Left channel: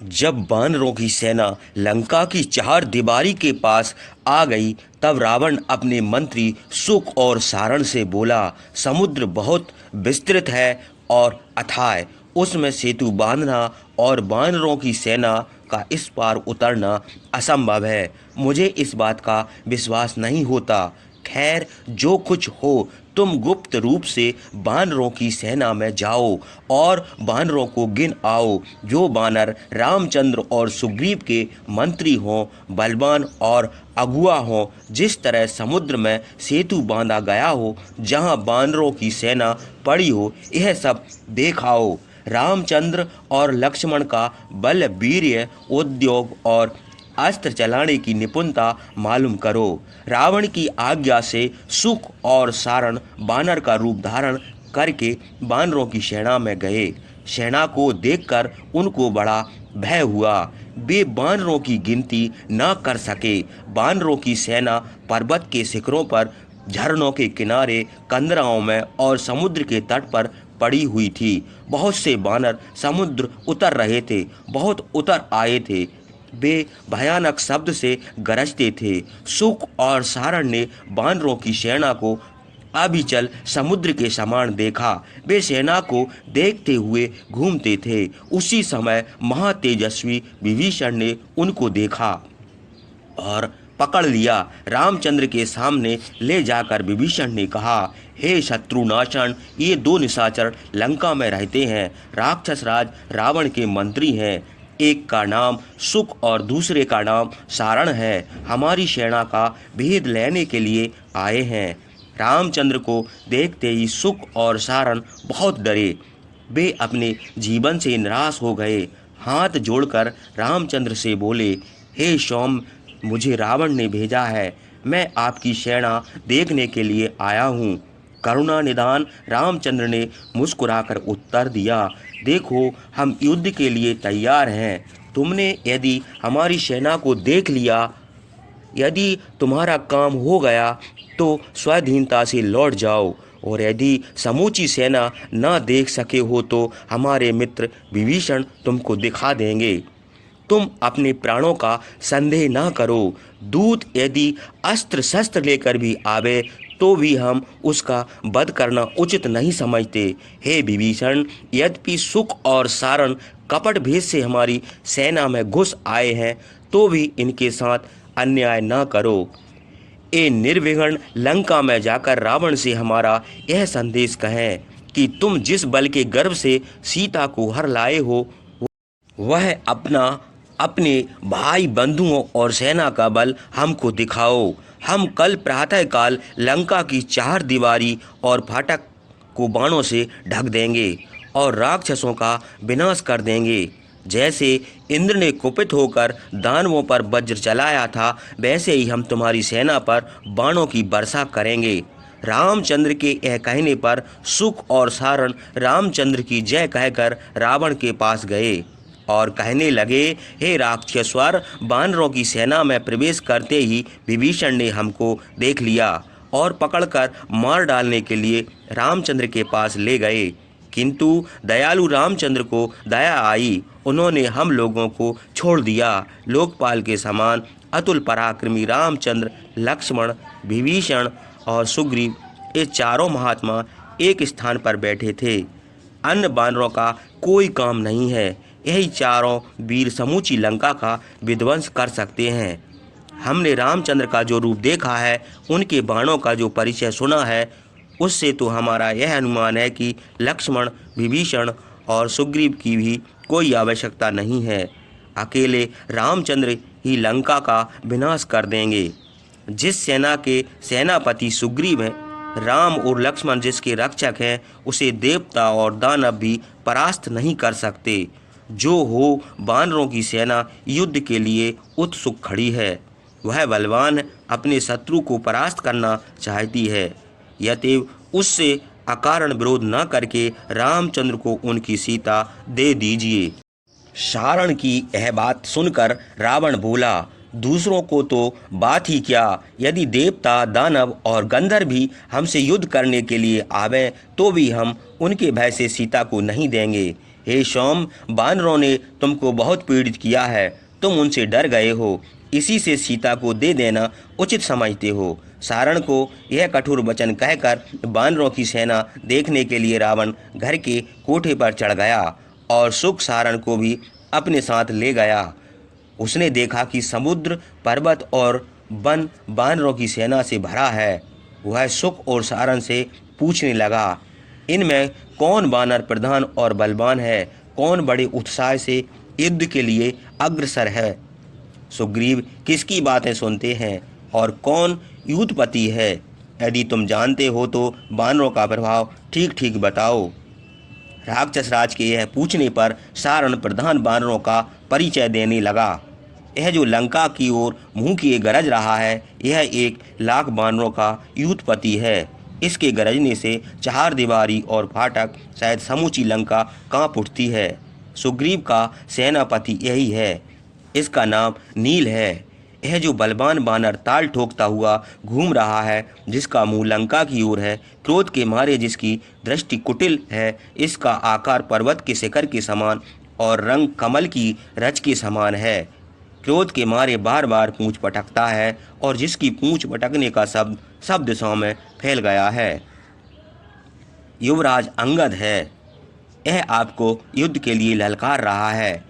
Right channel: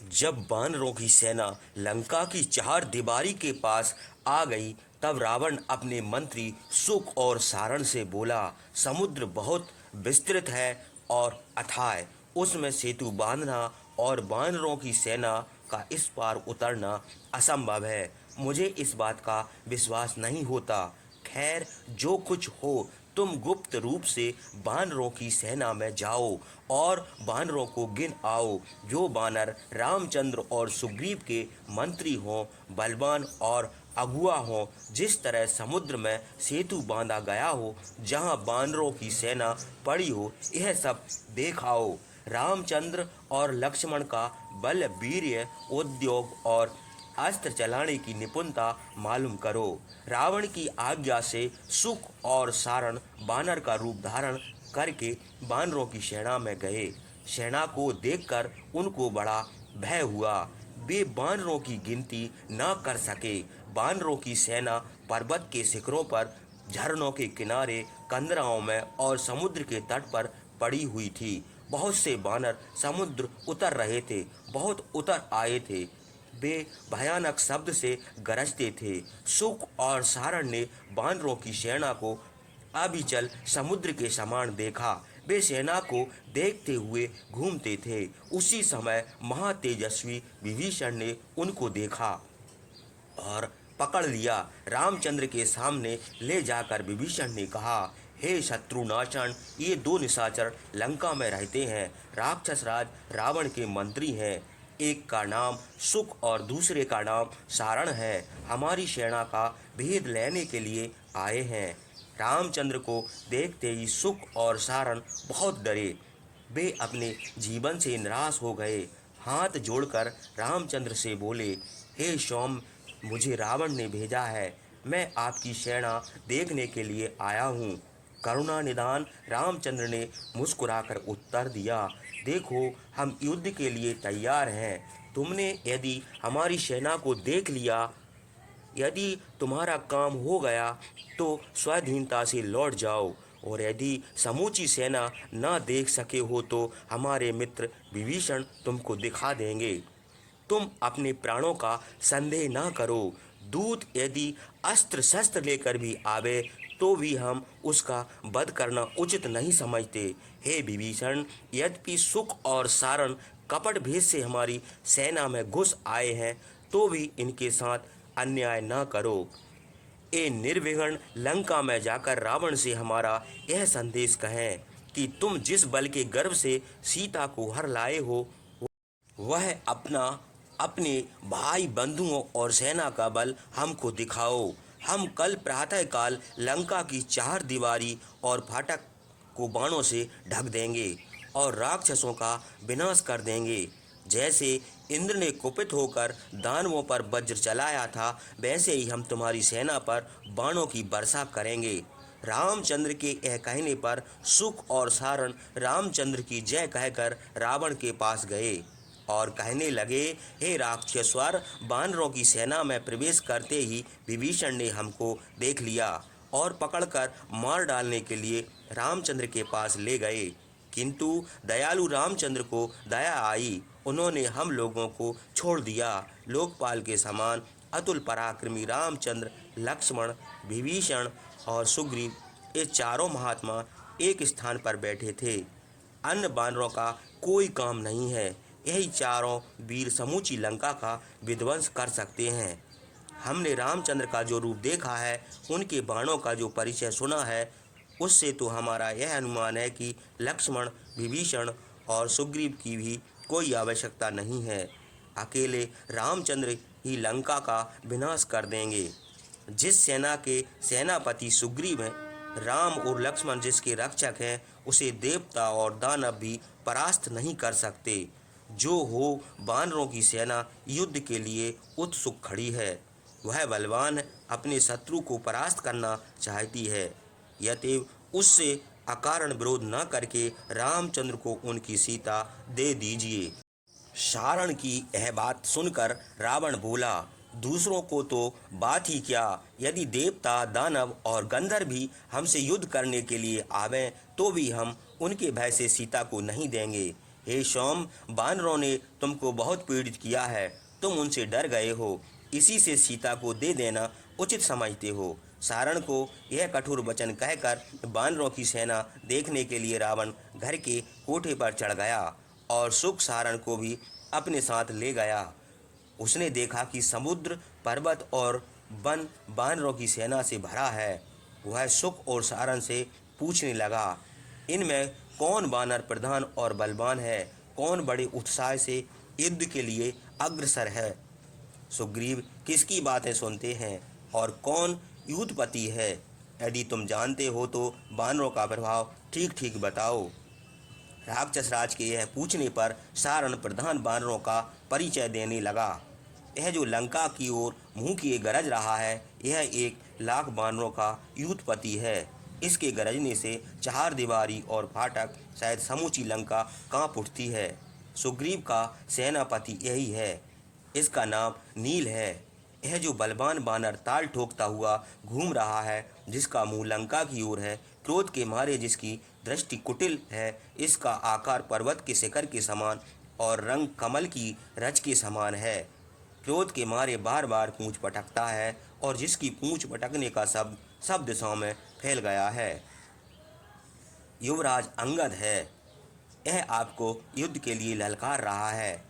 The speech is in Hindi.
जब वानरों की सेना लंका की चार दीवारी के पास आ गई, तब रावण अपने मंत्री सुक और सारण से बोला, समुद्र बहुत विस्तृत है और अथाह, उसमें सेतु बांधना और वानरों की सेना का इस पार उतरना असंभव है। मुझे इस बात का विश्वास नहीं होता। खैर, जो कुछ हो, तुम गुप्त रूप से वानरों की सेना में जाओ और वानरों को गिन आओ। जो वानर रामचंद्र और सुग्रीव के मंत्री हों, बलवान और अगुआ हों, जिस तरह समुद्र में सेतु बांधा गया हो, जहाँ वानरों की सेना पड़ी हो, यह सब देखाओ। रामचंद्र और लक्ष्मण का बल, वीर्य, उद्योग और अस्त्र चलाने की निपुणता मालूम करो। रावण की आज्ञा से सुख और सारण बानर का रूप धारण करके बानरों की सेना में गए। सेना को देखकर उनको बड़ा भय हुआ। वे बानरों की गिनती न कर सके। बानरों की सेना पर्वत के शिखरों पर, झरनों के किनारे, कंदराओं में और समुद्र के तट पर पड़ी हुई थी। बहुत से बानर समुद्र उतर रहे थे, बहुत उतर आए थे। वे भयानक शब्द से गरजते थे। सुख और सारण ने बानरों की सेना को अविचल समुद्र के समान देखा। वे सेना को देखते हुए घूमते थे। उसी समय महातेजस्वी विभीषण ने उनको देखा और पकड़ लिया। रामचंद्र के सामने ले जाकर विभीषण ने कहा, हे शत्रुनाशन, ये दो निशाचर लंका में रहते हैं। राक्षस राज रावण के मंत्री हैं। एक का नाम सुख और दूसरे का नाम सारण है। हमारी सेना का भेद लेने के लिए आए हैं। रामचंद्र को देखते ही सुख और सारण बहुत डरे। वे अपने जीवन से निराश हो गए। हाथ जोड़कर रामचंद्र से बोले, हे सौम्य, मुझे रावण ने भेजा है। मैं आपकी सेना देखने के लिए आया हूँ। करुणा निदान रामचंद्र ने मुस्कुराकर उत्तर दिया, देखो, हम युद्ध के लिए तैयार हैं। तुमने यदि हमारी सेना को देख लिया, यदि तुम्हारा काम हो गया तो स्वाधीनता से लौट जाओ, और यदि समूची सेना न देख सके हो तो हमारे मित्र विभीषण तुमको दिखा देंगे। तुम अपने प्राणों का संदेह न करो। दूत यदि अस्त्र शस्त्र लेकर भी आवे तो भी हम उसका वध करना उचित नहीं समझते। हे विभीषण, यद्यपि सुख और सारण कपट भेद से हमारी सेना में घुस आए हैं, तो भी इनके साथ अन्याय न करो। ए निर्विघ्न लंका में जाकर रावण से हमारा यह संदेश कहें कि तुम जिस बल के गर्भ से सीता को हर लाए हो, वह अपने भाई बंधुओं और सेना का बल हमको दिखाओ। हम कल प्रातःकाल लंका की चार दीवारी और फाटक को बाणों से ढक देंगे और राक्षसों का विनाश कर देंगे। जैसे इंद्र ने कुपित होकर दानवों पर वज्र चलाया था, वैसे ही हम तुम्हारी सेना पर बाणों की वर्षा करेंगे। रामचंद्र के यह कहने पर सुख और सारण रामचंद्र की जय कहकर रावण के पास गए और कहने लगे, हे राक्षसवर, वानरों की सेना में प्रवेश करते ही विभीषण ने हमको देख लिया और पकड़कर मार डालने के लिए रामचंद्र के पास ले गए। किंतु दयालु रामचंद्र को दया आई। उन्होंने हम लोगों को छोड़ दिया। लोकपाल के समान अतुल पराक्रमी रामचंद्र, लक्ष्मण, विभीषण और सुग्रीव, ये चारों महात्मा एक स्थान पर बैठे थे। अन्य वानरों का कोई काम नहीं है। यही चारों वीर समूची लंका का विध्वंस कर सकते हैं। हमने रामचंद्र का जो रूप देखा है, उनके बाणों का जो परिचय सुना है, उससे तो हमारा यह अनुमान है कि लक्ष्मण, विभीषण और सुग्रीव की भी कोई आवश्यकता नहीं है। अकेले रामचंद्र ही लंका का विनाश कर देंगे। जिस सेना के सेनापति सुग्रीव हैं, राम और लक्ष्मण जिसके रक्षक हैं, उसे देवता और दानव भी परास्त नहीं कर सकते। जो हो, वानरों की सेना युद्ध के लिए उत्सुक खड़ी है। वह बलवान अपने शत्रु को परास्त करना चाहती है। यतएव उससे अकारण विरोध न करके रामचंद्र को उनकी सीता दे दीजिए। सारण की यह बात सुनकर रावण बोला, दूसरों को तो बात ही क्या, यदि देवता, दानव और गंधर्व भी हमसे युद्ध करने के लिए आवे तो भी हम उनके भय से सीता को नहीं देंगे। हे सोम, बानरों ने तुमको बहुत पीड़ित किया है, तुम उनसे डर गए हो, इसी से सीता को दे देना उचित समझते हो। सारण को यह कठोर वचन कहकर बानरों की सेना देखने के लिए रावण घर के कोठे पर चढ़ गया और सुख सारण को भी अपने साथ ले गया। उसने देखा कि समुद्र, पर्वत और वन बानरों की सेना से भरा है। वह सुख और सारण से पूछने लगा, इनमें कौन वानर प्रधान और बलवान है, कौन बड़े उत्साह से युद्ध के लिए अग्रसर है। सुग्रीव किसकी बातें सुनते हैं और कौन युद्धपति है। यदि तुम जानते हो तो वानरों का प्रभाव ठीक ठीक बताओ। राक्षस राज के यह पूछने पर सारण प्रधान वानरों का परिचय देने लगा। यह जो लंका की ओर मुंह किए गरज रहा है, यह 1,00,000 वानरों का युद्धपति है। इसके गरजने से चार दीवारी और फाटक शायद समूची लंका कांप उठती है। सुग्रीव का सेनापति यही है, इसका नाम नील है। यह जो बलवान बानर ताल ठोकता हुआ घूम रहा है, जिसका मुंह लंका की ओर है, क्रोध के मारे जिसकी दृष्टि कुटिल है, इसका आकार पर्वत के शिखर के समान और रंग कमल की रच के समान है, क्रोध के मारे बार बार पूंछ पटकता है और जिसकी पूंछ पटकने का शब्द सब दिशाओं में फैल गया है, युवराज अंगद है। यह आपको युद्ध के लिए ललकार रहा है।